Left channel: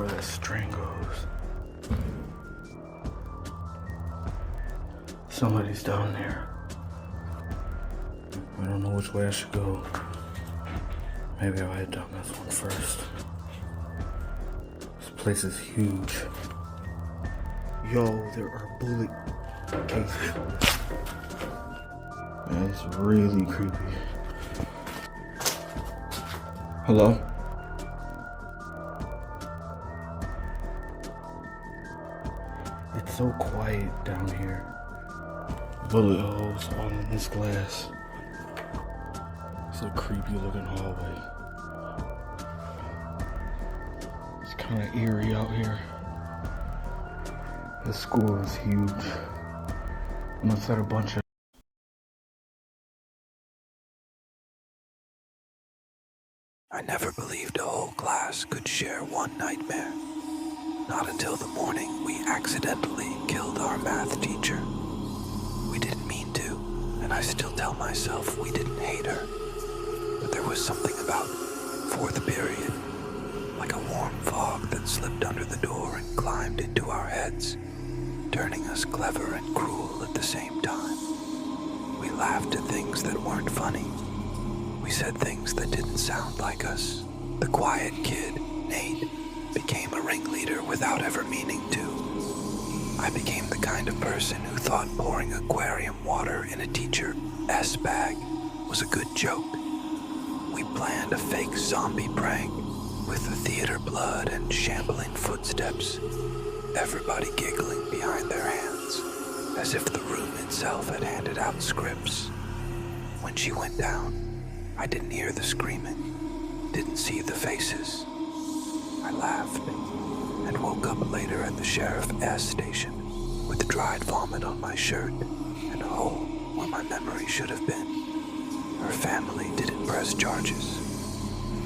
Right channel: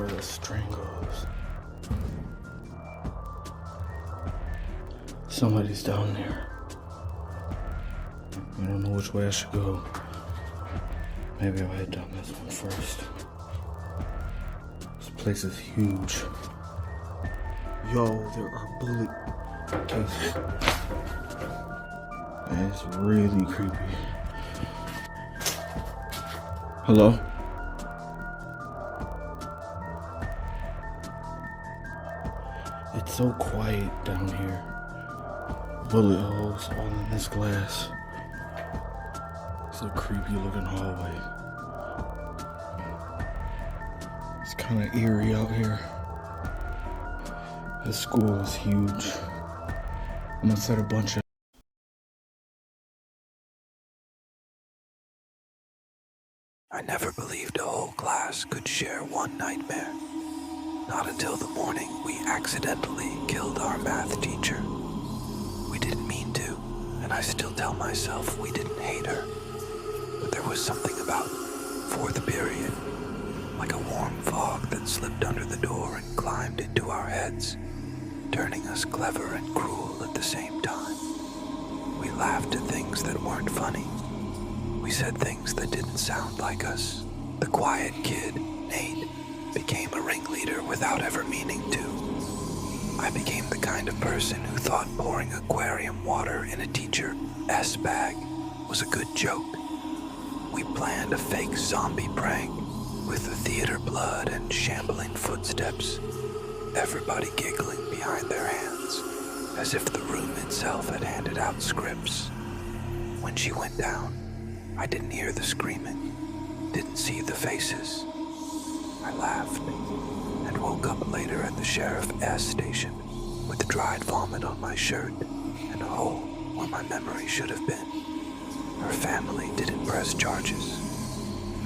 where that string goes. Somebody's down there. I don't know which way I should go. Maybe I'll head down this one first. This place is huge. Yo, there are bullet cases. And it's really creepy. Hello? It's so quiet down here. Bullet holes all in this glass. It's a creepy looking hallway. It's kind of eerie out here. This school is huge. I'm gonna set a bunch of I never believed a whole class could share one nightmare. Not until the morning we accidentally killed our math teacher. We didn't mean to, and I still tell myself we didn't hate her. But there was something about fourth period, like a warm fog that slipped under the door and climbed into our heads, turning us clever and cruel at the same time. We laughed at things that weren't funny. We said things that didn't sound like us. The quiet kid, Nate, became a ringleader without ever meaning to. I became the kind of person who thought pouring aquarium water in a teacher S bag was a good joke. We planned a fake zombie prank with the theater blood and shambling footsteps, everybody giggling behind their hands, as if the room itself had handed out scripts. When she went down, I didn't hear the screaming, didn't see the faces. I laughed and woke up later at the Sheriff S station with dried vomit on my shirt and a hole where my memory should have been. Her family didn't press charges.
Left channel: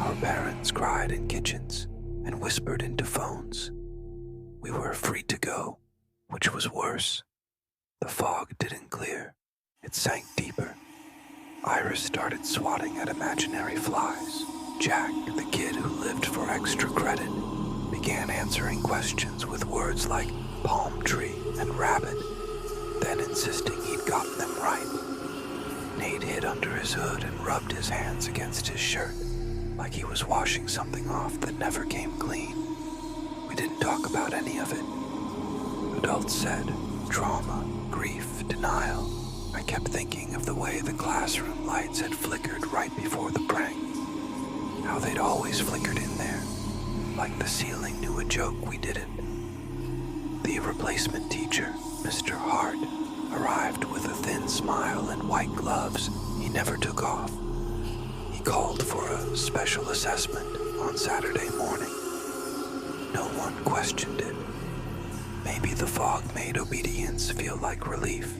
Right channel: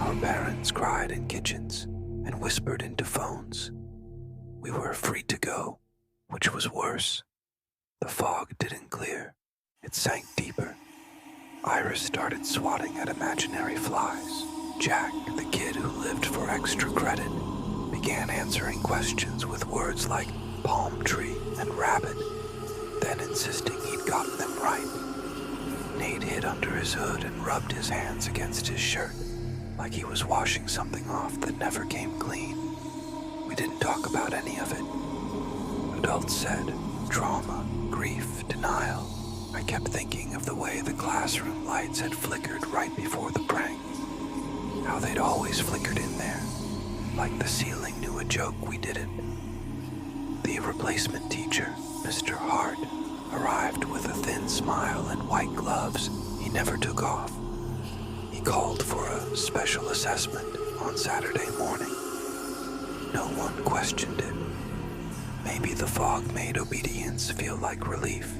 Our parents cried in kitchens and whispered into phones. We were free to go, which was worse. The fog didn't clear. It sank deeper. Iris started swatting at imaginary flies. Jack, the kid who lived for extra credit, began answering questions with words like palm tree and rabbit, then insisting he'd gotten them right. Nate hid under his hood and rubbed his hands against his shirt, like he was washing something off that never came clean. We didn't talk about any of it. Adults said trauma, grief, denial. I kept thinking of the way the classroom lights had flickered right before the prank. How they'd always flickered in there, like the ceiling knew a joke we didn't. The replacement teacher, Mr. Hart, arrived with a thin smile and white gloves he never took off. He called for a special assessment on Saturday morning. No one questioned it. Maybe the fog made obedience feel like relief.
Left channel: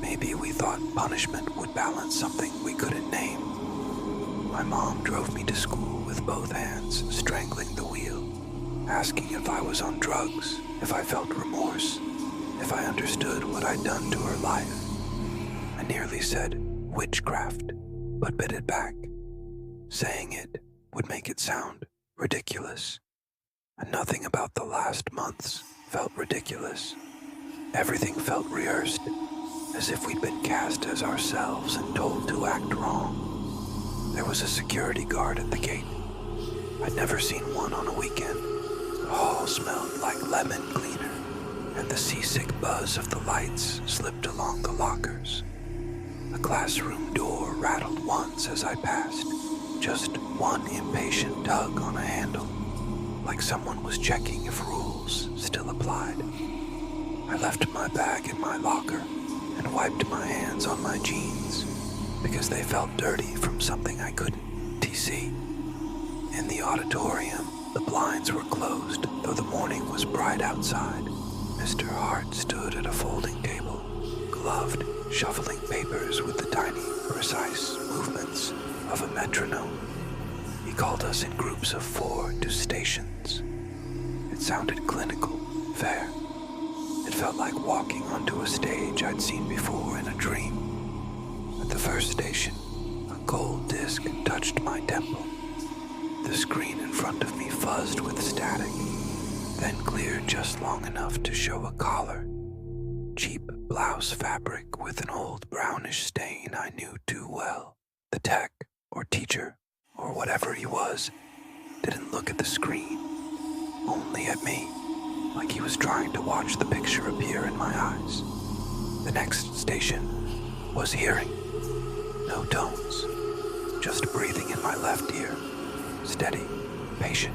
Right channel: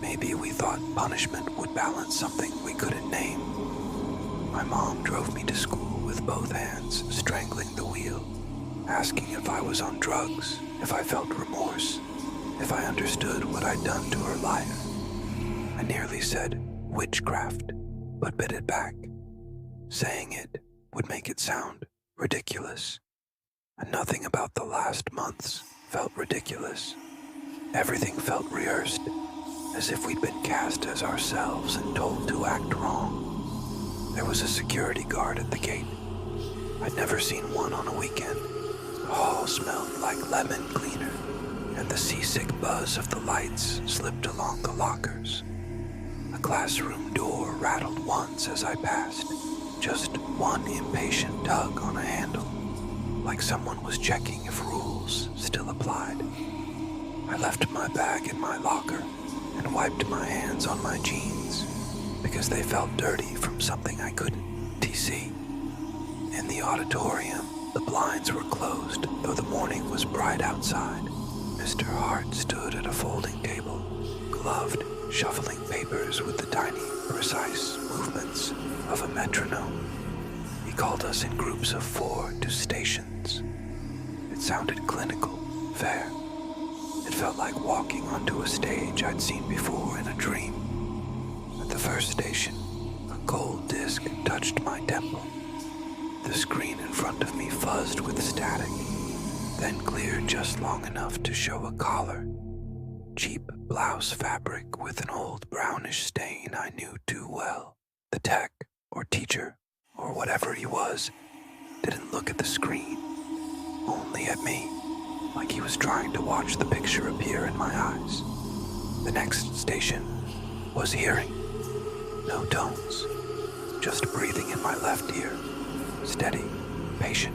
Maybe we thought punishment would balance something we couldn't name. My mom drove me to school with both hands strangling the wheel, asking if I was on drugs, if I felt remorse, if I understood what I'd done to her life. I nearly said witchcraft, but bit it back. Saying it would make it sound ridiculous. And nothing about the last months felt ridiculous. Everything felt rehearsed, as if we'd been cast as ourselves and told to act wrong. There was a security guard at the gate. I'd never seen one on a weekend. The hall smelled like lemon cleaner, and the seasick buzz of the lights slipped along the lockers. The classroom door rattled once as I passed, just one impatient tug on a handle, like someone was checking if rules still applied. I left my bag in my locker and wiped my hands on my jeans because they felt dirty from something I couldn't see. In the auditorium, the blinds were closed, though the morning was bright outside. Mr. Hart stood at a folding table, gloved, shuffling papers with the tiny, precise movements of a metronome. He called us in groups of 4 to stations. It sounded clinical, fair. It felt like walking onto a stage I'd seen before in a dream. At the first station, a cold disc touched my temple. The screen in front of me fuzzed with static, then cleared just long enough to show a collar. Cheap blouse fabric with an old brownish stain I knew too well. The tech, or teacher, or whatever he was, didn't look at the screen, only at me, like he was trying to watch the picture appear in my eyes. The next station was hearing. No tones, just breathing in my left ear, steady, patient,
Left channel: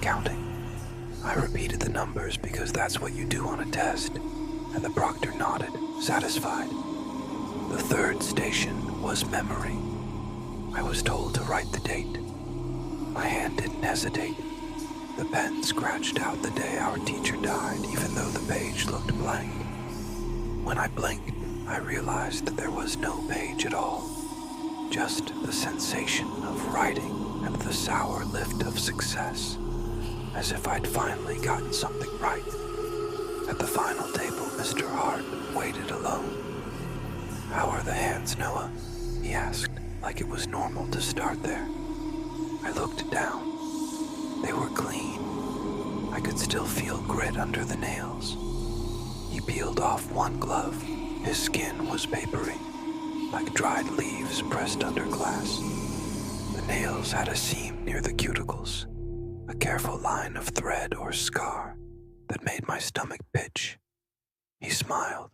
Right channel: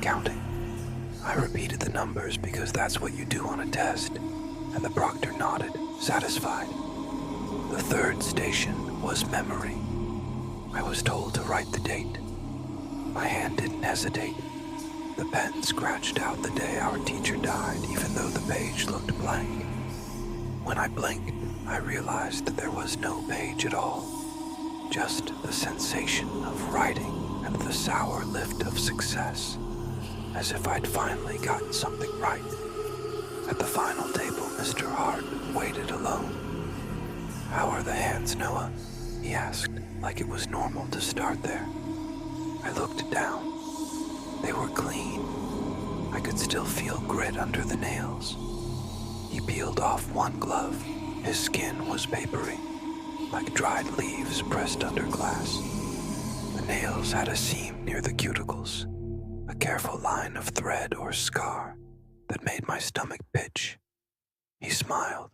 counting. I repeated the numbers because that's what you do on a test, and the proctor nodded, satisfied. The third station was memory. I was told to write the date. My hand didn't hesitate. The pen scratched out the day our teacher died, even though the page looked blank. When I blinked, I realized there was no page at all. Just the sensation of writing and the sour lift of success, as if I'd finally gotten something right. At the final table, Mr. Hart waited alone. "How are the hands, Noah?" he asked, like it was normal to start there. I looked down. They were clean. I could still feel grit under the nails. He peeled off one glove. His skin was papery, like dried leaves pressed under glass. The nails had a seam near the cuticles, a careful line of thread or scar that made my stomach pitch. He smiled.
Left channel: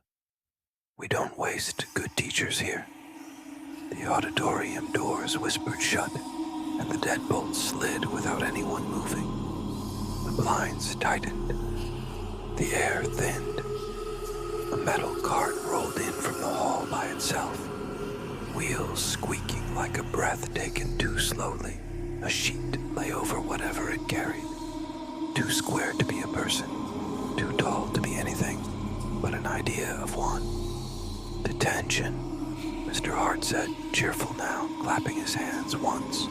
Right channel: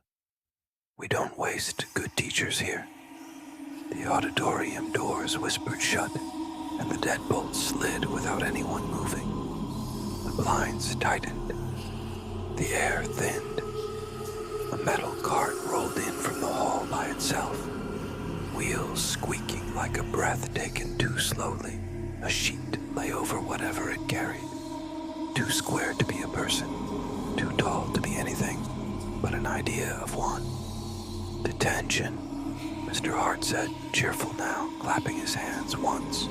"We don't waste good teachers here." The auditorium doors whispered shut, and the deadbolt slid without anyone moving. The blinds tightened. The air thinned. A metal cart rolled in from the hall by itself, wheels squeaking like a breath taken too slowly. A sheet lay over whatever it carried. Too square to be a person, too tall to be anything but an idea of one. "Detention," Mr. Hart said, cheerful now, clapping his hands once.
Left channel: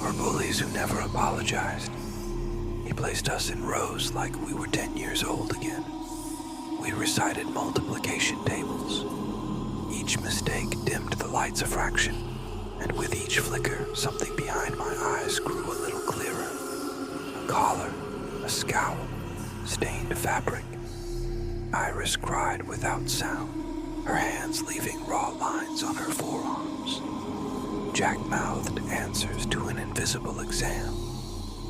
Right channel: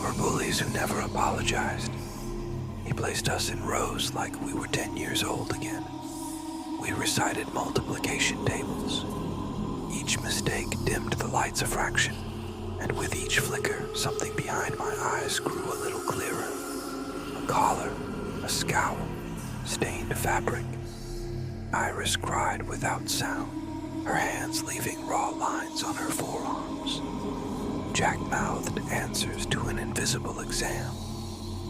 "For bullies who never apologized." He placed us in rows like we were 10 years old again. We recited multiplication tables. Each mistake dimmed the lights a fraction, and with each flicker, something behind my eyes grew a little clearer. A collar, a scowl, stained fabric. Iris cried without sound, her hands leaving raw lines on her forearms. Jack mouthed answers to an invisible exam,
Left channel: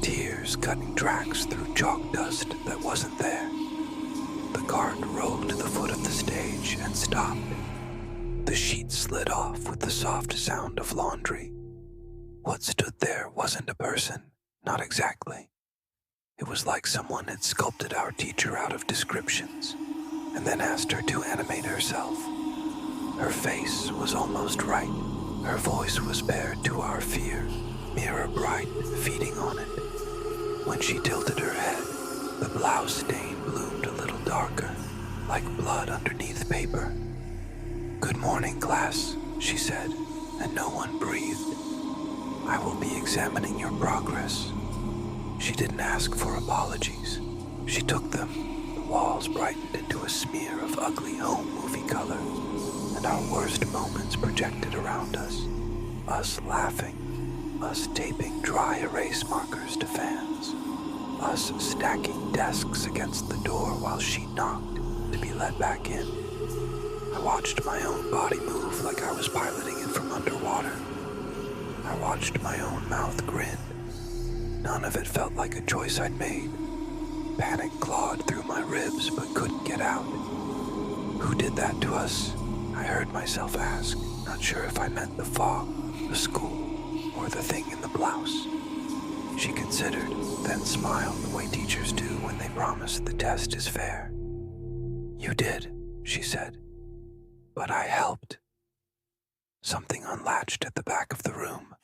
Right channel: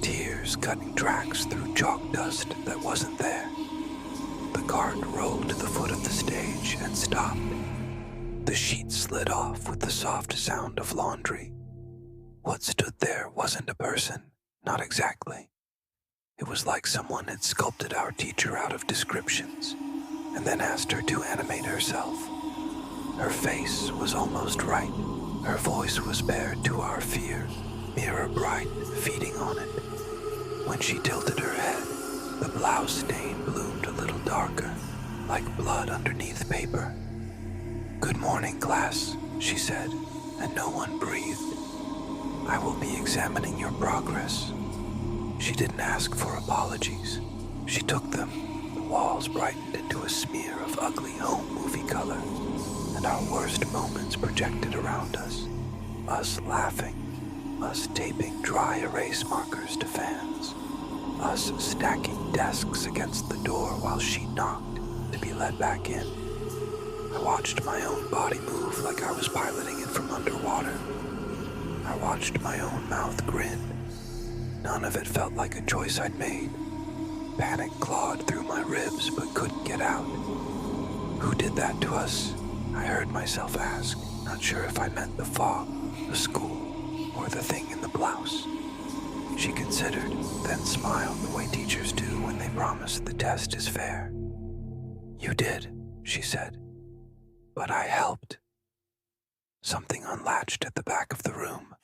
tears cutting tracks through chalk dust that wasn't there. The cart rolled to the foot of the stage and stopped. The sheet slid off with the soft sound of laundry. What stood there wasn't a person, not exactly. It was like someone had sculpted our teacher out of descriptions, and then asked her to animate herself. Her face was almost right. Her voice was bared to our fear, mirror bright, feeding on it. When she tilted her head, the blouse stain bloomed a little darker, like blood underneath paper. "Good morning, class," she said, and no one breathed. "I will be examining your progress." She didn't ask for apologies. She took them. The walls brightened into a smear of ugly home movie color, and our worst moments projected around us. Us laughing, us taping dry erase markers to fans, us stacking desks against the door while she knocked to be let back in. I watched my own body move like I was piloting it from underwater. I watched my own mouth grin. None of it felt like a choice I'd made. Panic clawed through my ribs but couldn't get out. "Who did that to us?" I heard myself ask, not sure if I meant the fog, the school, or the thing in the blouse. She considered, then smiled the way teachers do when they promise the test is fair. "You did," she said. "But I helped." Something unlatched at the back of the room.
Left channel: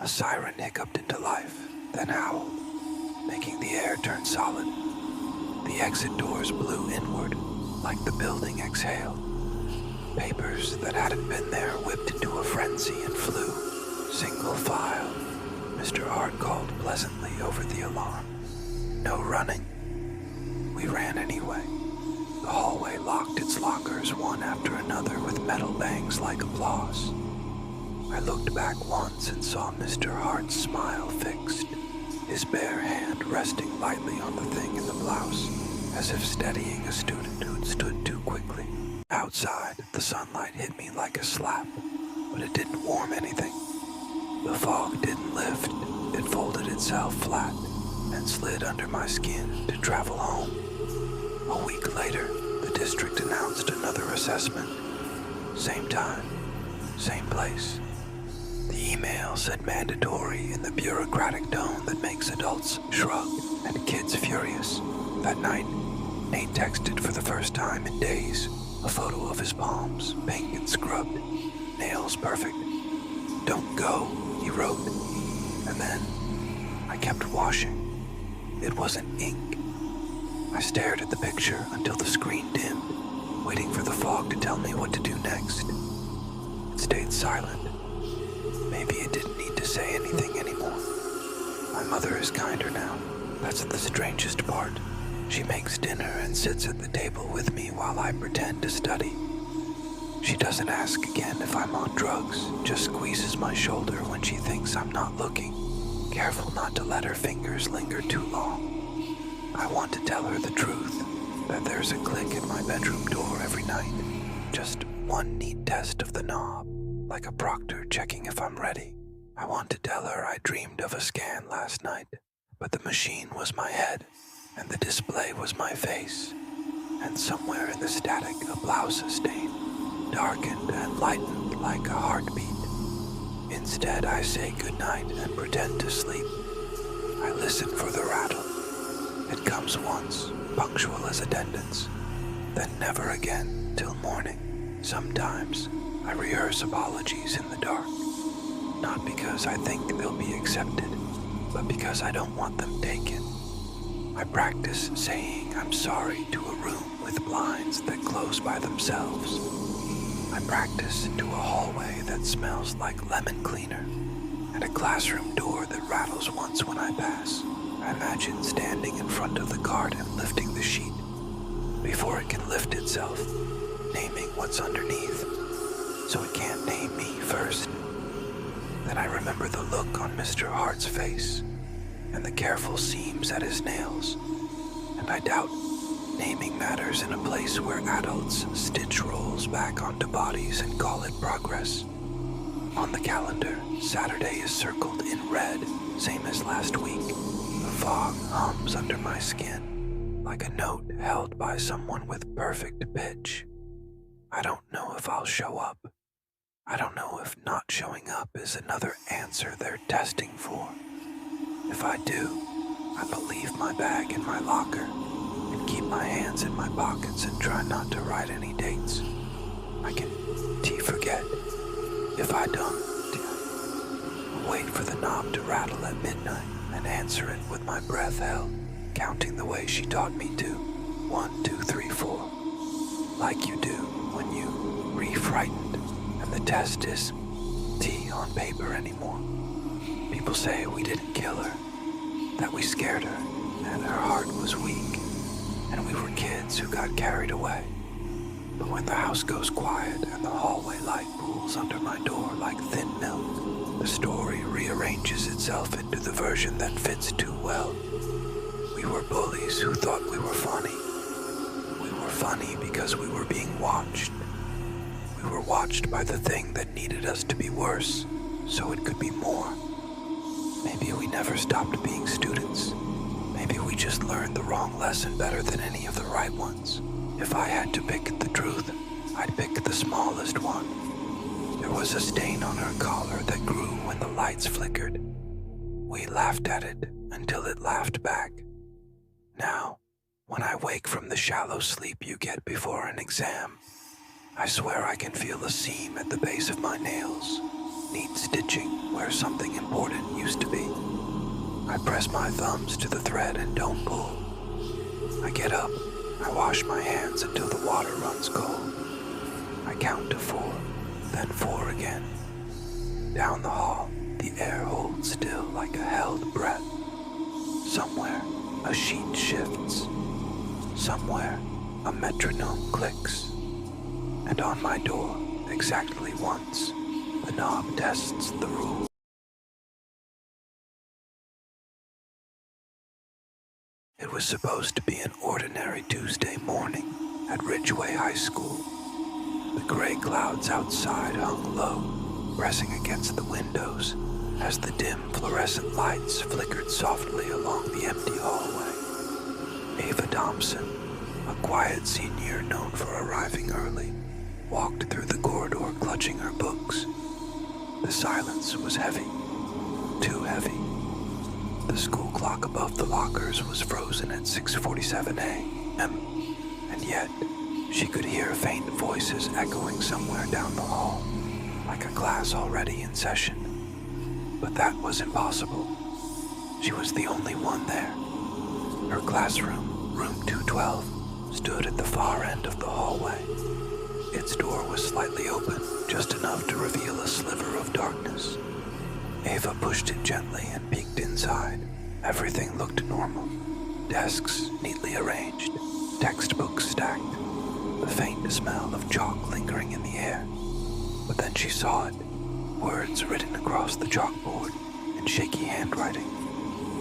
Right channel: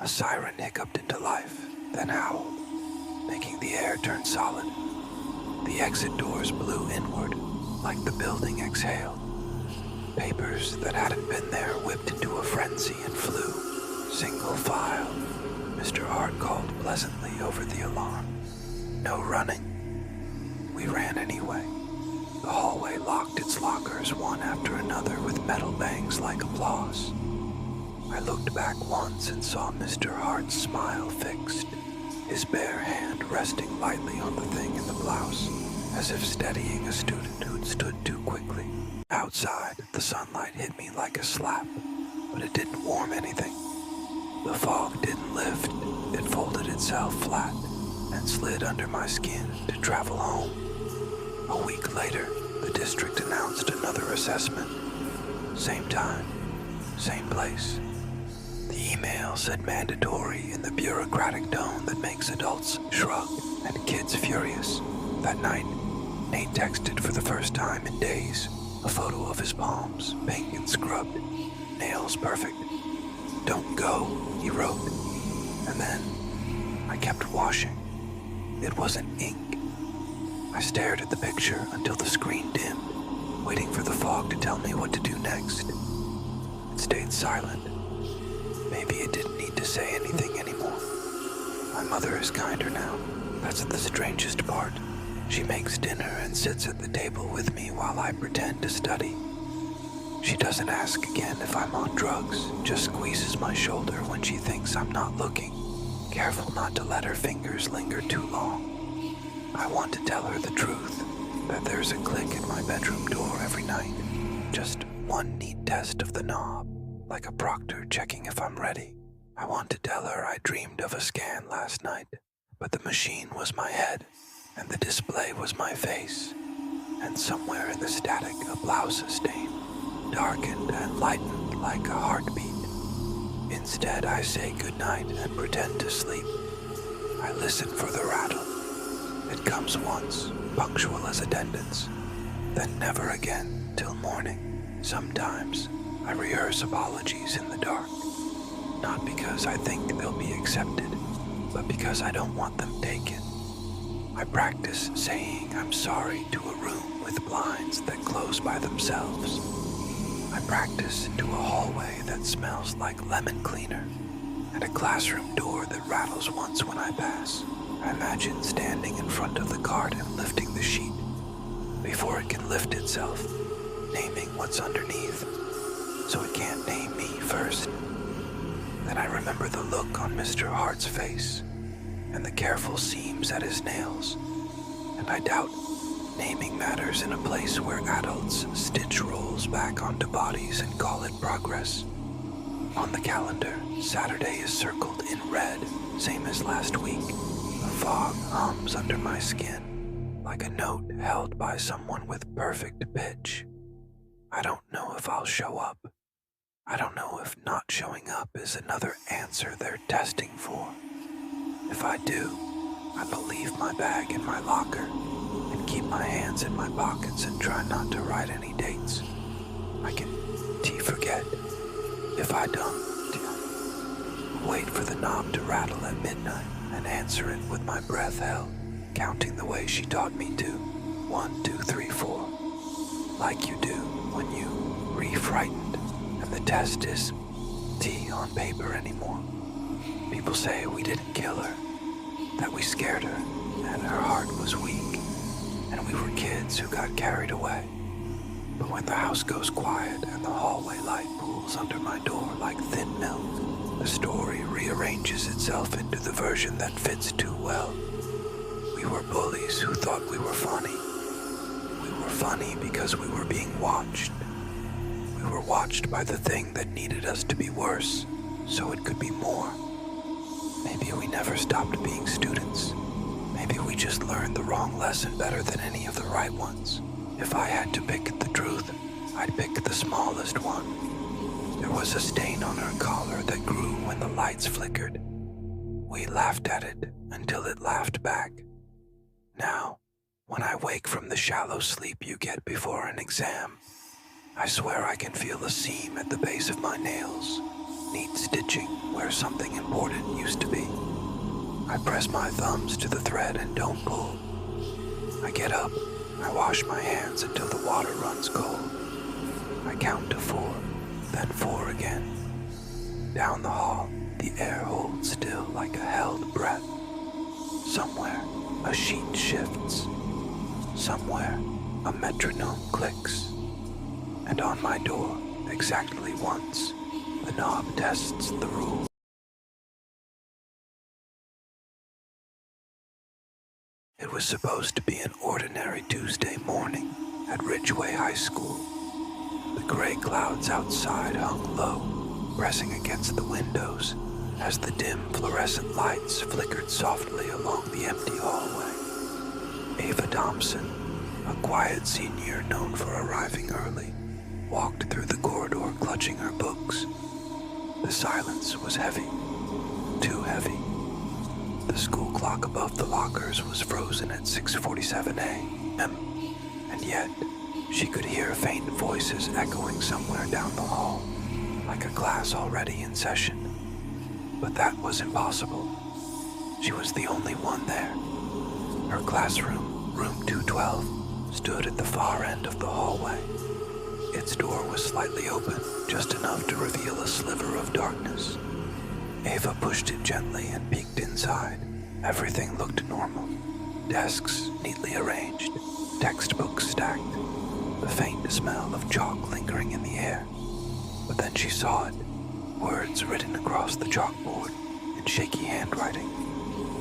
A siren hiccuped into life, then howled, making the air turn solid. The exit doors blew inward, like the building exhaled. Papers that hadn't been there whipped into a frenzy and flew. "Single file," Mr. Hart called pleasantly over the alarm. "No running." We ran anyway. The hallway locked its lockers one after another with metal bangs like applause. I looked back once and saw Mr. Hart's smile fixed, his bare hand resting lightly on the thing in the blouse, as if steadying a student who'd stood too quickly. Outside, the sunlight hit me like a slap, but it didn't warm anything. The fog didn't lift, it folded itself flat and slid under my skin to travel home. A week later, the district announced another assessment. Same time, same place. The email said mandatory in the bureaucratic tone that makes adults shrug and kids furious. That night, Nate texted for the first time in days, a photo of his palms, pink and scrubbed, nails perfect. "Don't go," he wrote. And then I kept washing. It wasn't ink. I stared at the picture until the screen dimmed, waiting for the fog to tell me what to do next. It stayed silent. Maybe it didn't need to say anything anymore. My mother is kinder now. That's the strangest part. She makes dinner and sits at the table with me while I pretend to study. She doesn't ask again if I'm on drugs, just squeezes my shoulder when she thinks I'm not looking, careful not to let her fingers linger too long. I want to tell her the truth, that there's a click at my bedroom door every night, just one neat test of the knob, like a proctor checking if I'm ready. I want to tell her I dreamed of a scan last night, but the machine was my head, and the display was my face, and somewhere in the static a blouse stain, darkened and lightened like a heartbeat. Instead, I say goodnight and pretend to sleep. I listen for the rattle. It comes once, punctual as attendance, then never again till morning. Sometimes I rehearse apologies in the dark, not because I think they'll be accepted, but because I don't want them taken. I practice saying I'm sorry to a room with blinds that close by themselves. I practice to a hallway that smells like lemon cleaner and a classroom door that rattles once when I pass. I imagine standing in front of the cart and lifting the sheet before it can lift itself, naming what's underneath, so it can't name me first. Then I remember the look on Mr. Hart's face and the careful seams at his nails, and I doubt naming matters in a place where adults stitch rolls back onto bodies and call it progress. On the calendar, Saturday is circled in red, same as last week. The fog hums under my skin, like a note held by someone with perfect pitch. I don't know if I'll show up. I don't know if not showing up is another answer they're testing for. If I do, I believe my bag in my locker and keep my hands in my pockets and try not to write any dates. I can forget. If I don't, wait for the knob to rattle at midnight and answer it with my breath held, counting the way she taught me to. 1, 2, 3, 4. Like you do when you re-frightened and the test is T on paper anymore. People say we didn't kill her, that we scared her and her heart was weak, and we were kids who got carried away. But when the house goes quiet and the hallway light pools under my door like thin milk, the story rearranges itself into the version that fits too well. We were bullies who thought we were funny. We were funny because we were being watched. We were watched by the thing that needed us to be worse, so it could be more. Maybe we never stopped being students. Maybe we just learned the wrong lesson better than any of the right ones. If I had to pick the truth, I'd pick the smallest one. There was a stain on her collar that grew when the lights flickered. We laughed at it until it laughed back. Now, when I wake from the shallow sleep you get before an exam, I swear I can feel a seam at the base of my nails, neat stitching where something important used to be. I press my thumbs to the thread and don't pull. I get up, I wash my hands until the water runs cold. I count to 4, then 4 again. Down the hall, the air holds still like a held breath. Somewhere, a sheet shifts. Somewhere, a metronome clicks. And on my door, exactly once, The knob tests the rule. It was supposed to be an ordinary Tuesday morning at Ridgeway High School. The gray clouds outside hung low, pressing against the windows as the dim fluorescent lights flickered softly along the empty hallway. Ava Thompson, a quiet senior known for arriving early, walked through the corridor clutching her books. The silence was heavy, too heavy. The school clock above the lockers was frozen at 6:47 a.m., and yet she could hear faint voices echoing somewhere down the hall, like a class already in session. But that was impossible. She was the only one there. Her classroom, room 212, stood at the far end of the hallway. Its door was slightly open, just enough to reveal a sliver of darkness. Ava pushed it gently and peeked inside. Everything looked normal. Desks neatly arranged, textbooks stacked, the faint smell of chalk lingering in the air. But then she saw it, words written across the chalkboard in shaky handwriting.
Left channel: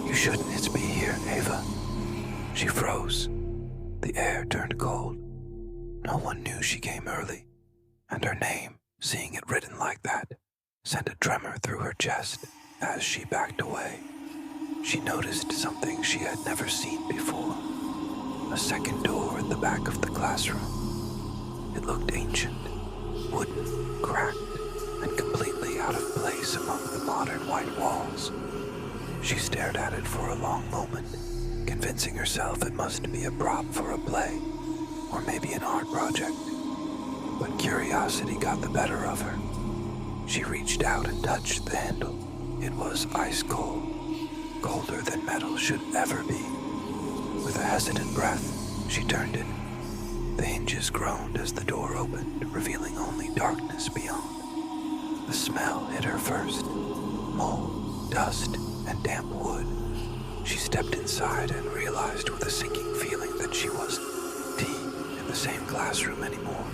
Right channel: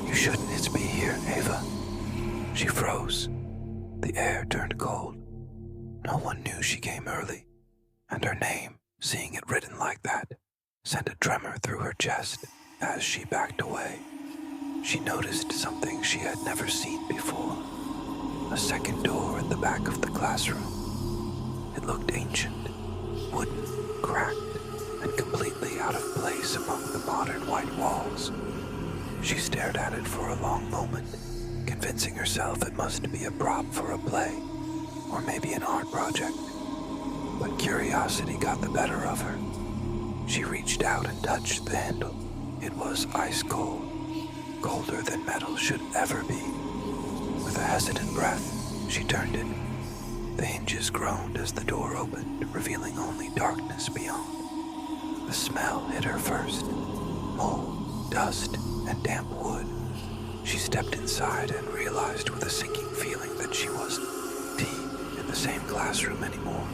"You shouldn't be here, Ava." She froze. The air turned cold. No one knew she came early, and her name, seeing it written like that, sent a tremor through her chest as she backed away. She noticed something she had never seen before. A second door at the back of the classroom. It looked ancient, wooden, cracked, and completely out of place among the modern white walls. She stared at it for a long moment, convincing herself it must be a prop for a play, or maybe an art project. But curiosity got the better of her. She reached out and touched the handle. It was ice cold, colder than metal should ever be. With a hesitant breath, she turned it. The hinges groaned as the door opened, revealing only darkness beyond. The smell hit her first. Mold, dust, and damp wood. She stepped inside and realized with a sinking feeling that she wasn't in the same classroom anymore.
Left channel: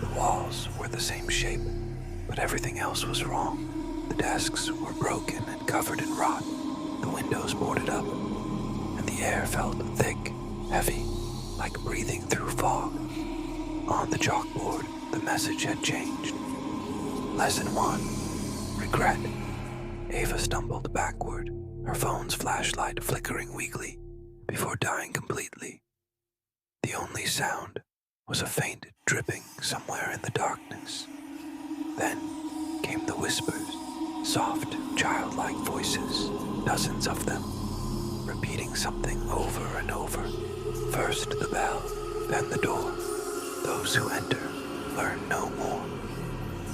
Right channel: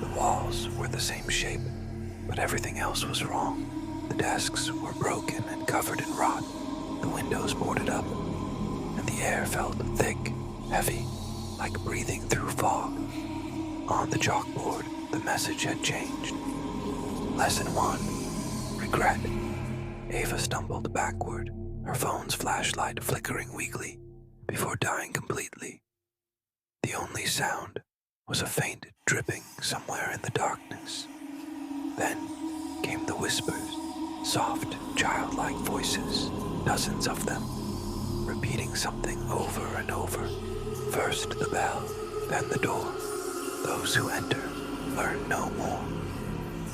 The walls were the same shape, but everything else was wrong. The desks were broken and covered in rot, the windows boarded up, and the air felt thick, heavy, like breathing through fog. On the chalkboard, the message had changed. Lesson 1, regret. Ava stumbled backward, her phone's flashlight flickering weakly before dying completely. The only sound was a faint dripping somewhere in the darkness. Then came the whispers, soft, childlike voices, dozens of them, repeating something over and over. First the bell, then the door. Those who enter learn no more.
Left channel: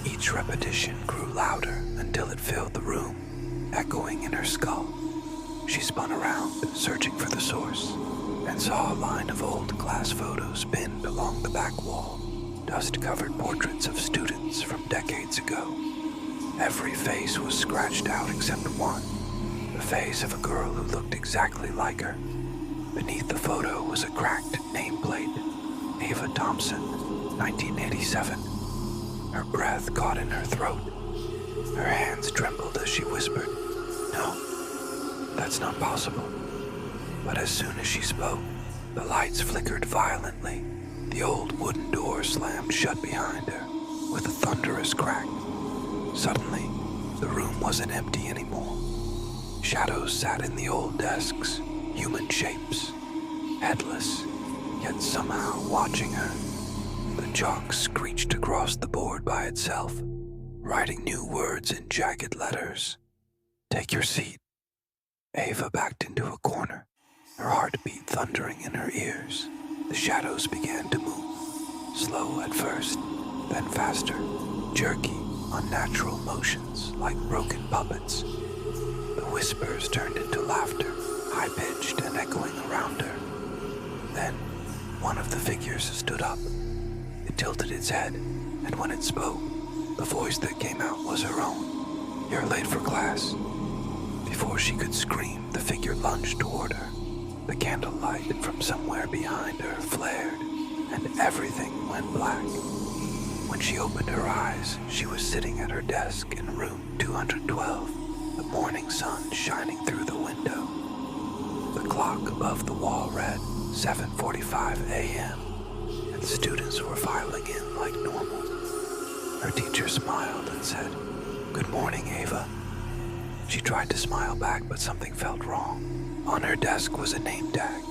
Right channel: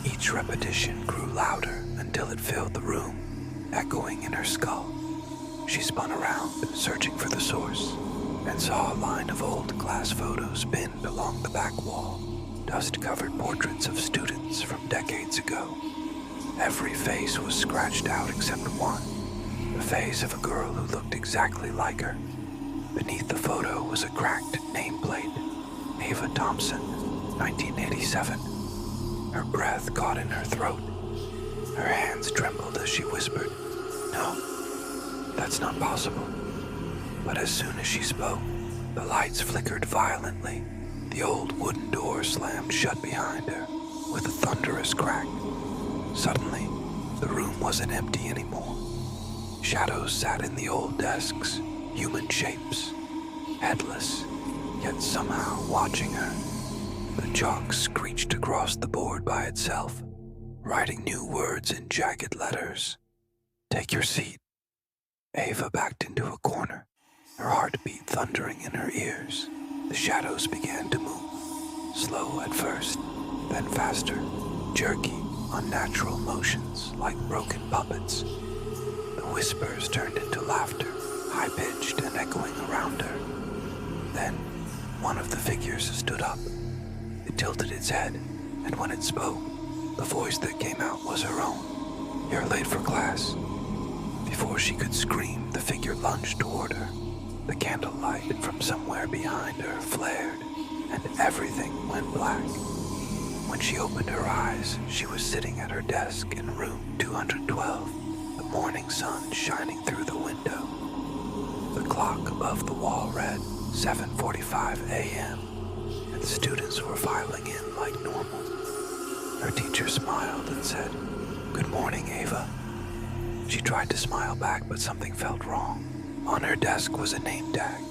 Each repetition grew louder until it filled the room, echoing in her skull. She spun around, searching for the source, and saw a line of old class photos pinned along the back wall, dust-covered portraits of students from decades ago. Every face was scratched out except one, the face of a girl who looked exactly like her. Beneath the photo was a cracked nameplate, Ava Thompson, 1987. Her breath caught in her throat. Her hands trembled as she whispered, "No, that's not possible." But as soon as she spoke, the lights flickered violently. The old wooden door slammed shut behind her with a thunderous crack. Suddenly, the room wasn't empty anymore. Shadows sat in the old desks, human shapes, headless, yet somehow watching her. The chalk screeched across the board by itself, writing new words in jagged letters. "Take your seat." Ava backed into a corner, her heartbeat thundering in her ears. The shadows began to move, slow at first, then faster, jerky, unnatural motions like broken puppets. The whispers turned into laughter, high-pitched and echoing around her. Then, one of the figures stood up. It tilted its head, and when it spoke, the voice that came out was her own. "You're late for class." Before she could scream, the figure lunged toward her. The candlelight from somewhere behind her flared, and everything went black. When she opened her eyes, she was sitting at her desk in room 212, the morning sun shining through the window. The clock above the wall read 7:45 a.m., and students were filing in like normal. Her teacher smiled and said, "Good morning, Ava." She tried to smile back, but something felt wrong. On her desk was a name tag,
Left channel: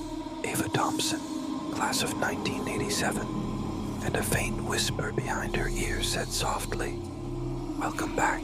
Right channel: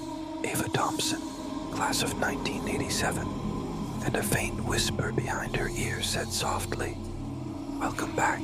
Ava Thompson, class of 1987, and a faint whisper behind her ear said softly, "Welcome back."